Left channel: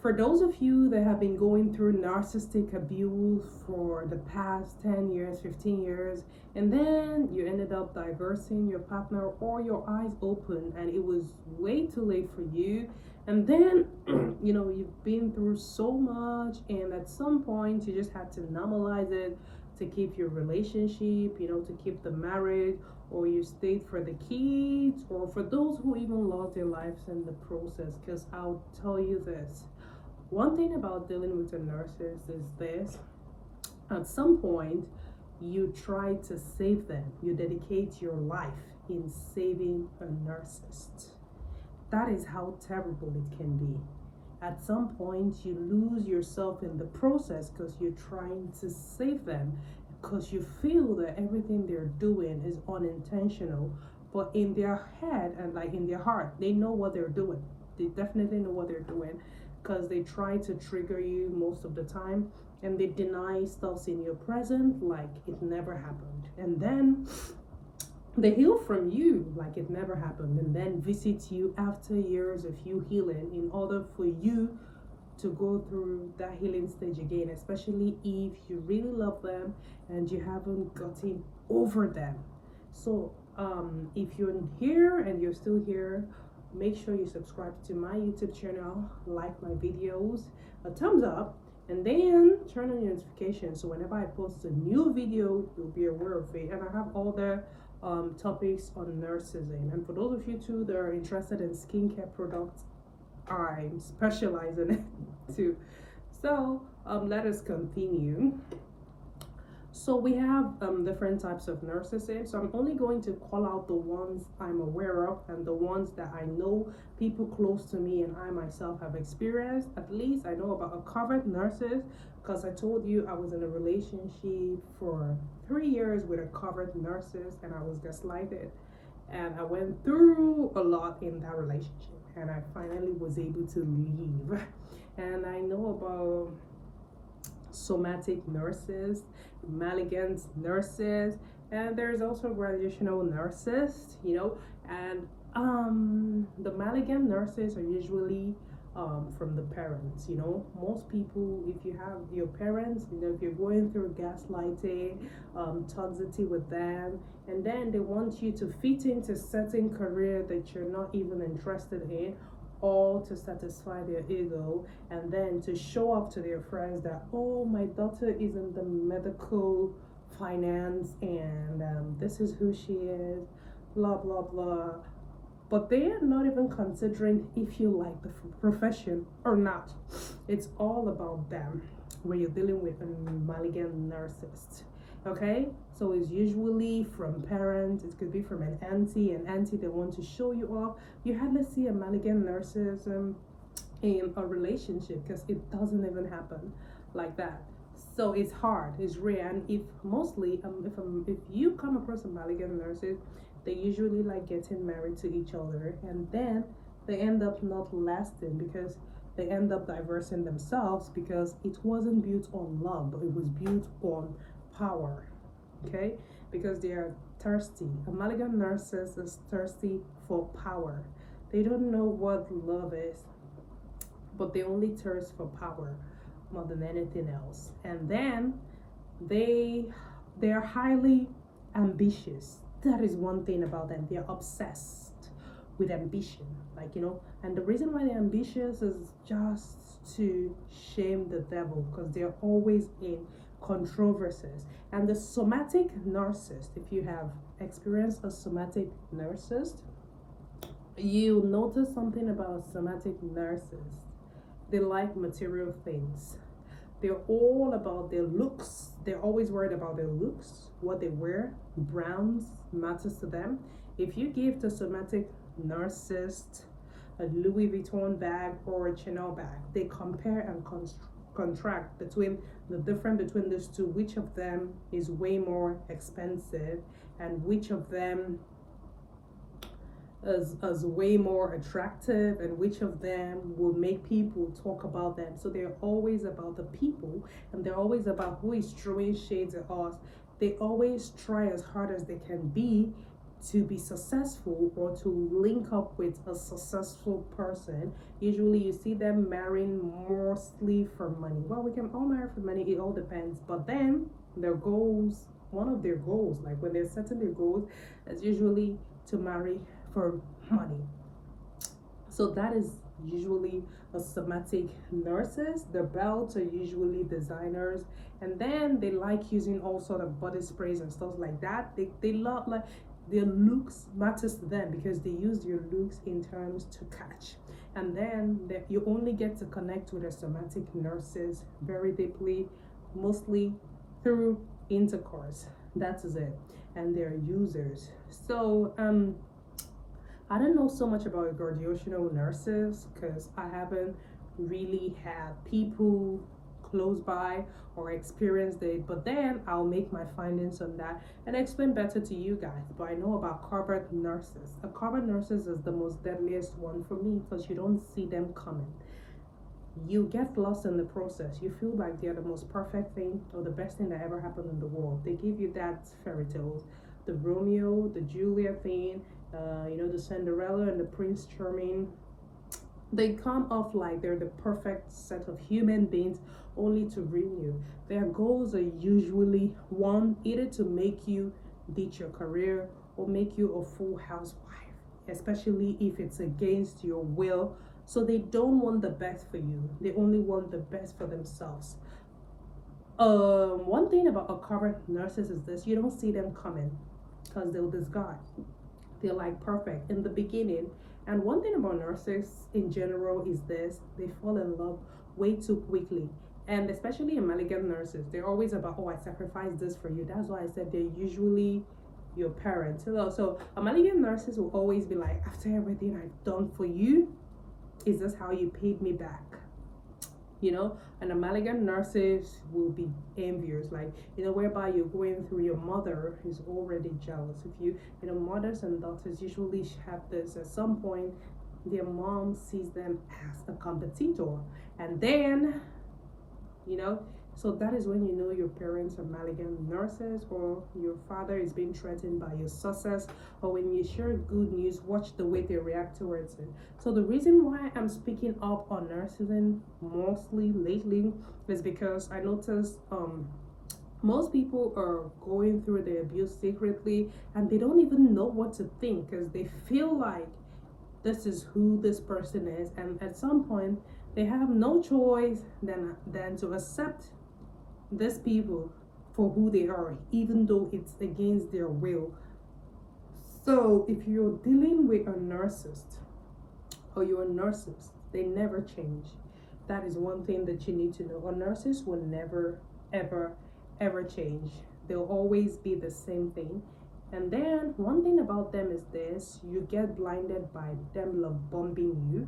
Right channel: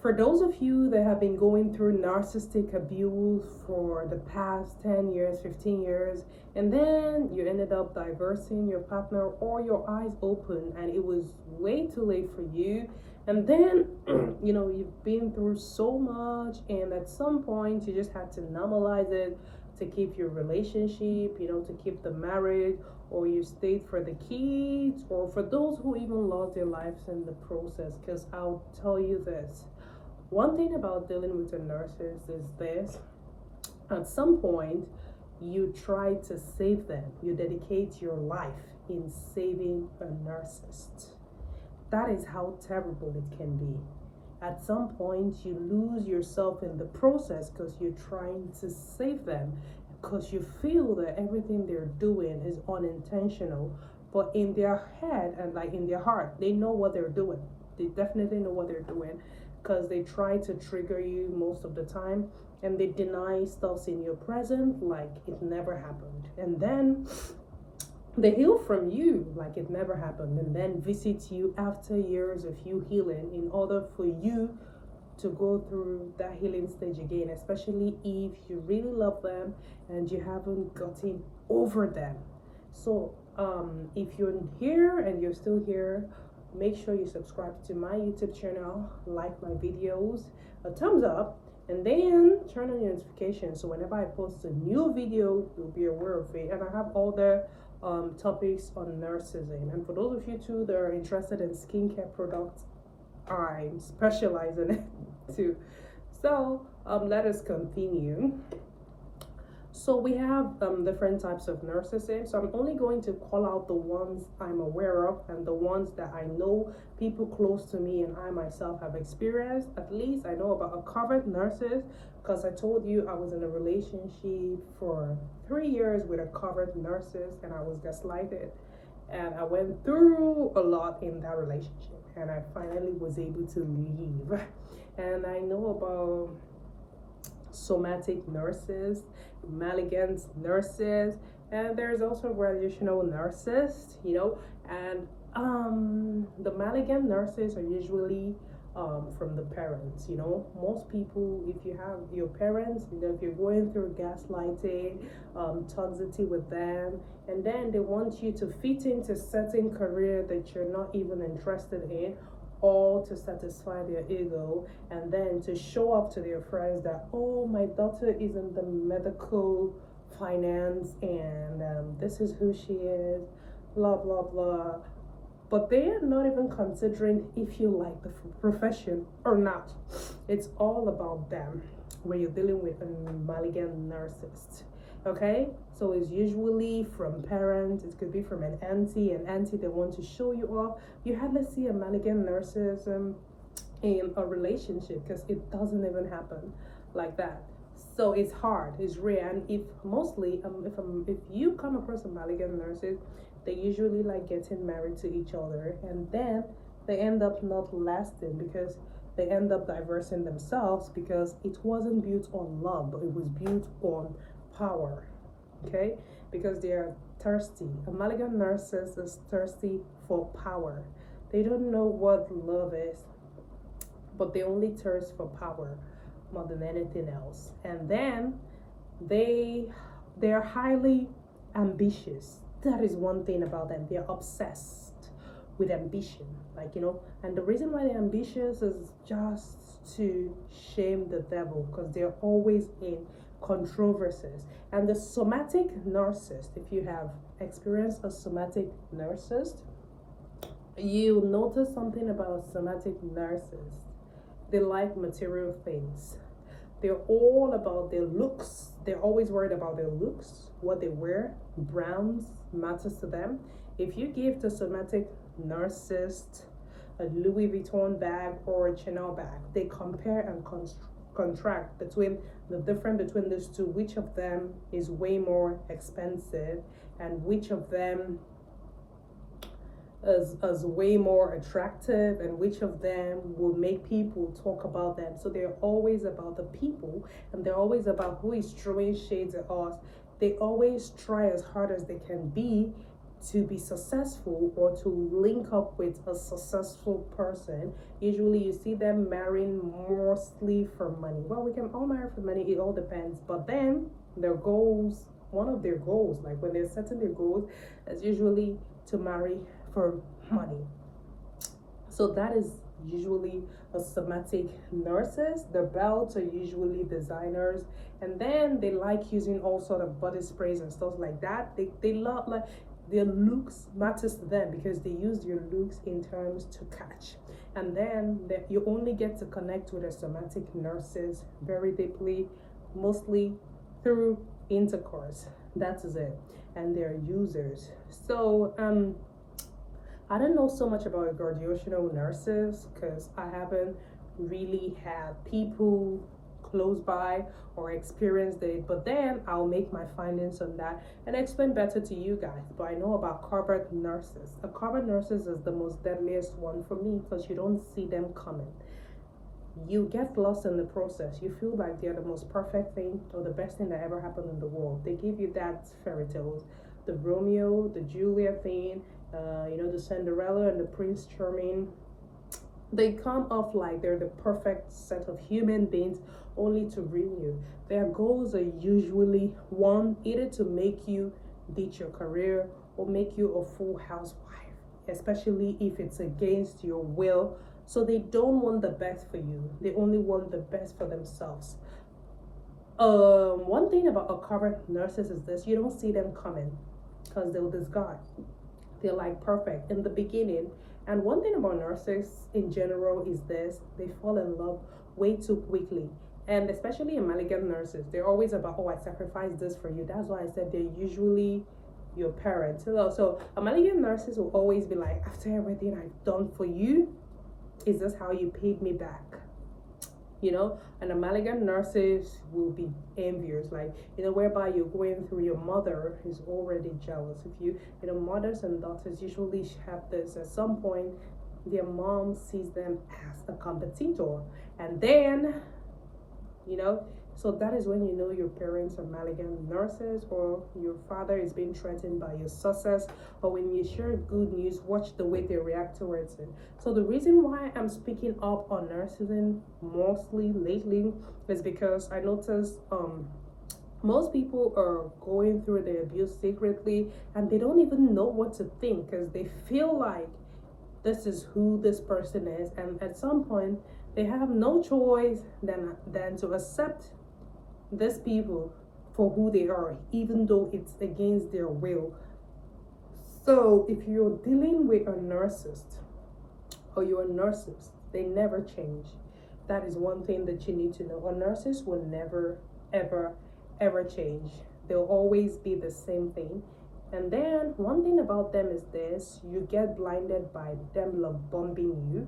For those of you that have been going through narcissistic abuse for the past 10 years, 15 years, and then you ended up divorcing your partner or your eyes open and it was way too late for you, and then you've been through so much, and at some point you just had to normalize it to keep your relationship, to keep the marriage, or you stayed for the kids, or for those who even lost their lives in the process. Because I'll tell you this, one thing about dealing with a narcissist is this: at some point, you try to save them, you dedicate your life in saving a narcissist. That is how terrible it can be. At some point, you lose yourself in the process because you're trying to save them, because you feel that everything they're doing is unintentional, but in their head and like in their heart, they know what they're doing. They definitely know what they're doing, because they try to trigger you most of the time, and they deny stuff in your present like it never happened, and then they heal from you like it never happened, and then visit you after years of you healing in order for you to go through that healing stage again, especially if you really love them and you haven't gotten over them. So if you're here and you're still here, make sure you subscribe to my YouTube channel, like my videos, a thumbs up, and then turn on your notifications so whenever I post a new video, you'll be aware of it. And I have all the topics on narcissism. And for those of you too that are interested in skincare products, I'm specializing it too. So let us continue. So we have different types of narcissists. So I'm only going to call out the ones I'm aware of and the ones that I know people close to me and I myself have experienced. At least I know about a covert narcissist, because I told you I was in a relationship for 3 years with a covert narcissist and I was gaslighted. And I went through a lot in that relationship and I finally was able to leave. And I know about somatic nurses, malignant nurses, and there's also gradational nurses, and the malignant nurses are usually from the parents. Most people, if you have your parents, if you're going through gaslighting, toxicity with them, and then they want you to fit into certain career that you're not even interested in, all to satisfy their ego, and then to show up to their friends that, oh, my daughter is in the medical finance and this is who she is, blah blah blah. But they are not even considering if you like the profession or not. It's all about them when you're dealing with a malignant narcissist. Okay, so it's usually from parents, it could be from an auntie that want to show you off. You hardly see a malignant narcissism in a relationship because it doesn't even happen like that. So it's hard, it's rare, and if mostly if you come across a malignant narcissist, they usually like getting married to each other, and then they end up not lasting because they end up divorcing themselves, because it wasn't built on love, but it was built on power. Okay, because they are thirsty. A malignant narcissist is thirsty for power. They don't know what love is, but they only thirst for power more than anything else. And then they're highly ambitious. That is one thing about them. They're obsessed with ambition, and the reason why they're ambitious is just to shame the devil, because they're always in controversies. And the somatic narcissist, if you have experienced a somatic narcissist, you notice something about somatic narcissists. They like material things. They're all about their looks. They're always worried about their looks, what they wear, brands matters to them. If you give the somatic narcissist a Louis Vuitton bag or a Chanel bag, they compare and contract between the difference between these two, which of them is way more expensive and which of them is way more attractive and which of them will make people talk about them. So they're always about the people, and they're always about who is throwing shades at us. They always try as hard as they can be to be successful or to link up with a successful person, usually you see them marrying mostly for money. Well, we can all marry for money, it all depends. But then their goals, one of their goals, like when they're setting their goals, is usually to marry for money. So that is usually a somatic narcissist. Their belts are usually designers, and then they like using all sort of body sprays and stuff like that. They love, like, their looks matters to them because they use your looks in terms to catch. And then you only get to connect with a somatic narcissist very deeply, mostly through intercourse. That is it. And they're users. So I don't know so much about a graduational narcissist because I haven't really had people close by or experienced it, but then I'll make my findings on that and explain better to you guys. But I know about covert narcissists. A covert narcissist is the most deadliest one for me because you don't see them coming. You get lost in the process. You feel like they're the most perfect thing or the best thing that ever happened in the world. They give you that fairy tales, the Romeo, the Juliet thing, the Cinderella and the Prince Charming. They come off like they're the perfect set of human beings only to ruin you. Their goals are usually one, either to make you ditch your career or make you a full housewife, especially if it's against your will. So they don't want the best for you. They only want the best for themselves. One thing about a covert narcissist is this: you don't see them coming because they'll disguise. They're like perfect in the beginning. And one thing about narcissists in general is this: they fall in love way too quickly. And especially a malignant narcissist, they're always about, oh, I sacrificed this for you. That's why I said they're usually your parents. So a malignant narcissist will always be like, after everything I've done for you, is this how you paid me back? And a malignant narcissist will be envious, like, whereby you're going through, your mother is already jealous of you. Mothers and daughters usually have this. At some point, their mom sees them as a competitor, and then, so that is when your parents are malignant narcissists, or your father is being threatened by your success. But when you share good news, watch the way they react towards it. So the reason why I'm speaking up on narcissism mostly lately is because I noticed most people are going through the abuse secretly, and they don't even know what to think because they feel like this is who this person is, and at some point they have no choice than to accept these people for who they are, even though it's against their will. So if you're dealing with a narcissist or you're a narcissist, they never change. That is one thing that you need to know. A narcissist will never, ever, ever change. They'll always be the same thing. And then one thing about them is this: you get blinded by them love bombing you,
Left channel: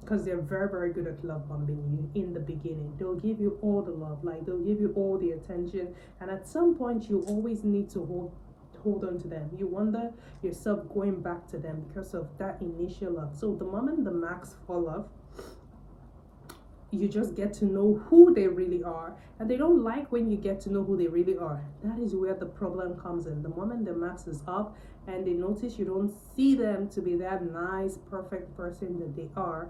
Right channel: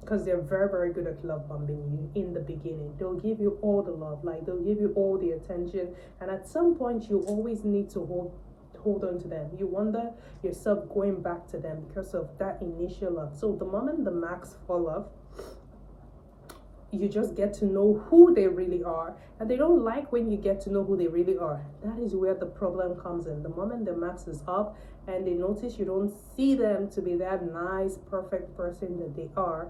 because they're very, very good at love bombing you in the beginning. They'll give you all the love, like they'll give you all the attention, and at some point you always need to hold on to them. You wonder yourself going back to them because of that initial love. So the moment the marks fall off, you just get to know who they really are, and they don't like when you get to know who they really are. That is where the problem comes in. The moment the mask is off and they notice you don't see them to be that nice, perfect person that they are,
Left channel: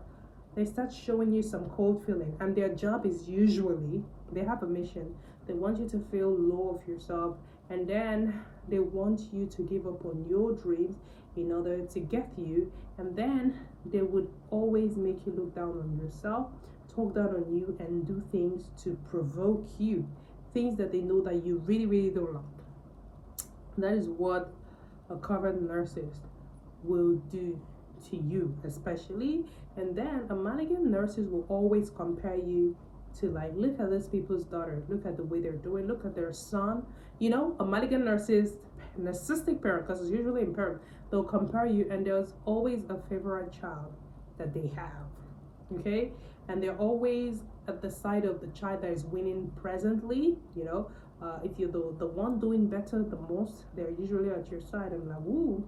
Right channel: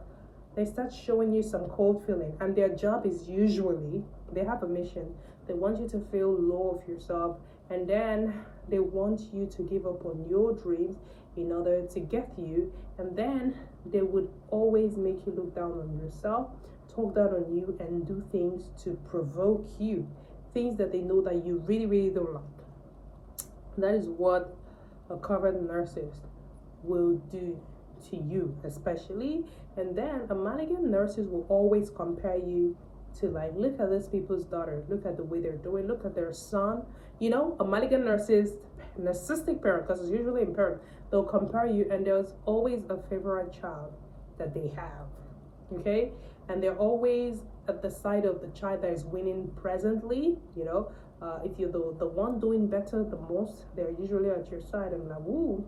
they start showing you some cold feeling. And their job is usually, they have a mission. They want you to feel low of yourself, and then they want you to give up on your dreams in order to get you. And then they would always make you look down on yourself, talk down on you, and do things to provoke you, things that they know that you really, really don't like. That is what a covert narcissist will do to you, especially. And then a malignant narcissist will always compare you to, like, look at these people's daughter, look at the way they're doing, look at their son. A malignant narcissistic parent, because it's usually in parent, they'll compare you, and there's always a favorite child that they have. Okay? And they're always at the side of the child that is winning presently. If you're the one doing better the most, they're usually at your side and like, ooh.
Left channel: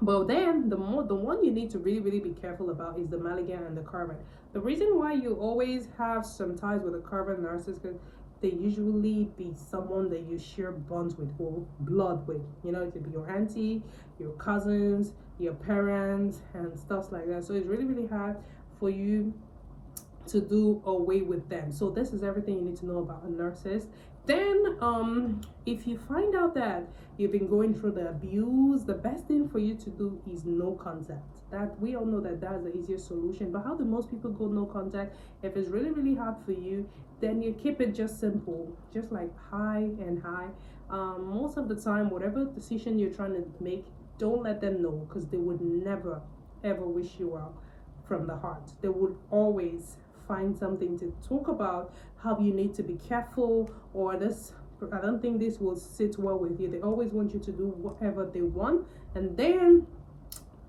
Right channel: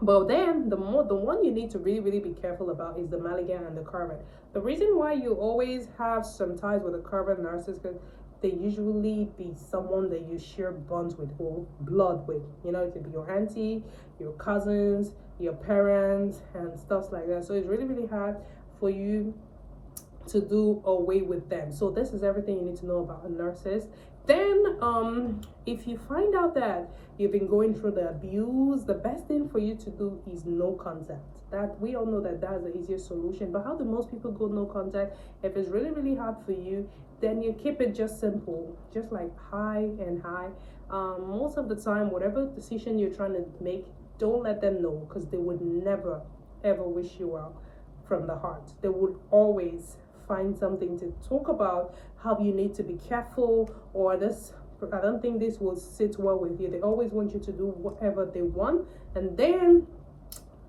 But then the one you need to really, really be careful about is the malignant and the covert. The reason why you always have some ties with a covert narcissist, because they usually be someone that you share bonds with or blood with. You know, it could be your auntie, your cousins, your parents, and stuff like that. So it's really, really hard for you to do away with them. So this is everything you need to know about a narcissist. Then if you find out that you've been going through the abuse, the best thing for you to do is no contact. That we all know that that's the easiest solution. But how do most people go no contact? If it's really, really hard for you, then you keep it just simple, just like hi and hi. Most of the time, whatever decision you're trying to make, don't let them know, because they would never ever wish you well from the heart. They would always find something to talk about, how you need to be careful, or this, I don't think this will sit well with you. They always want you to do whatever they want, and then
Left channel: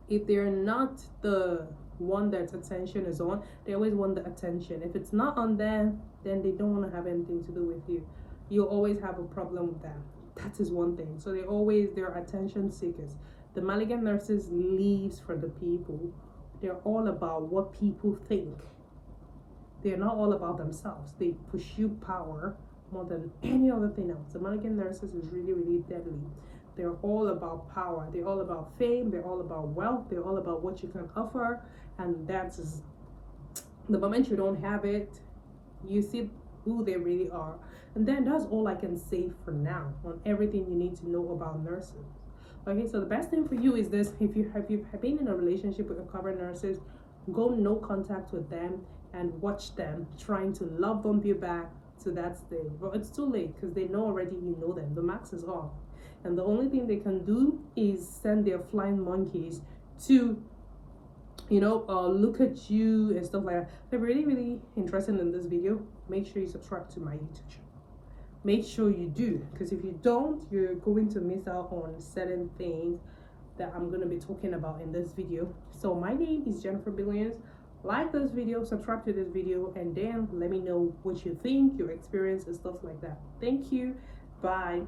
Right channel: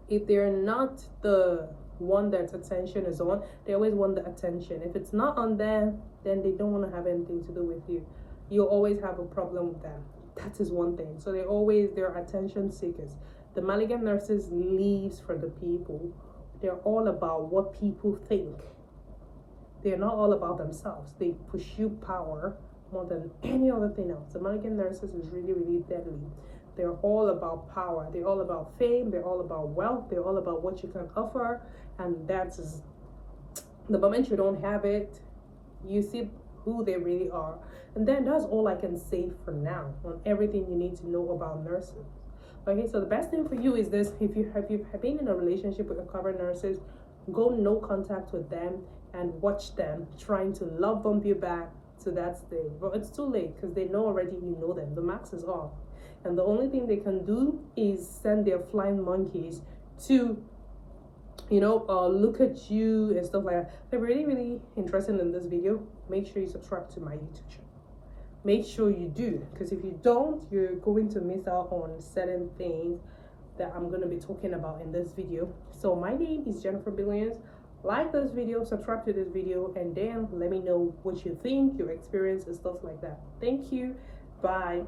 if they're not the one that attention is on, they always want the attention. If it's not on them, then they don't want to have anything to do with you. You'll always have a problem with them. That is one thing. So they're attention seekers. The malignant narcissist lives for the people. They're all about what people think. They're not all about themselves. They pursue power more than any other thing else. The malignant narcissist is really, really deadly. They're all about power. They're all about fame. They're all about wealth. They're all about what you can offer. And that's the moment you don't have it, you see who they really are. And then that's all I can say for now on everything you need to know about narcissists. Okay, so the best thing for you is this: if you have been in a relationship with a covert narcissist, go no contact with them and watch them trying to love bomb you back to that stage. But it's too late, because they know already you know them. The max is off. And the only thing they can do is send their flying monkeys to, look at you and stuff like that. If you're really, really interested in this video, make sure you subscribe to my YouTube channel. Make sure you do, because if you don't, you're going to miss out on certain things that I'm going to be talking about in this video. So my name is Jennifer Billions. Like this video, subscribe to this video, and then let me know what you think, your experience and stuff like that. Thank you. Bye.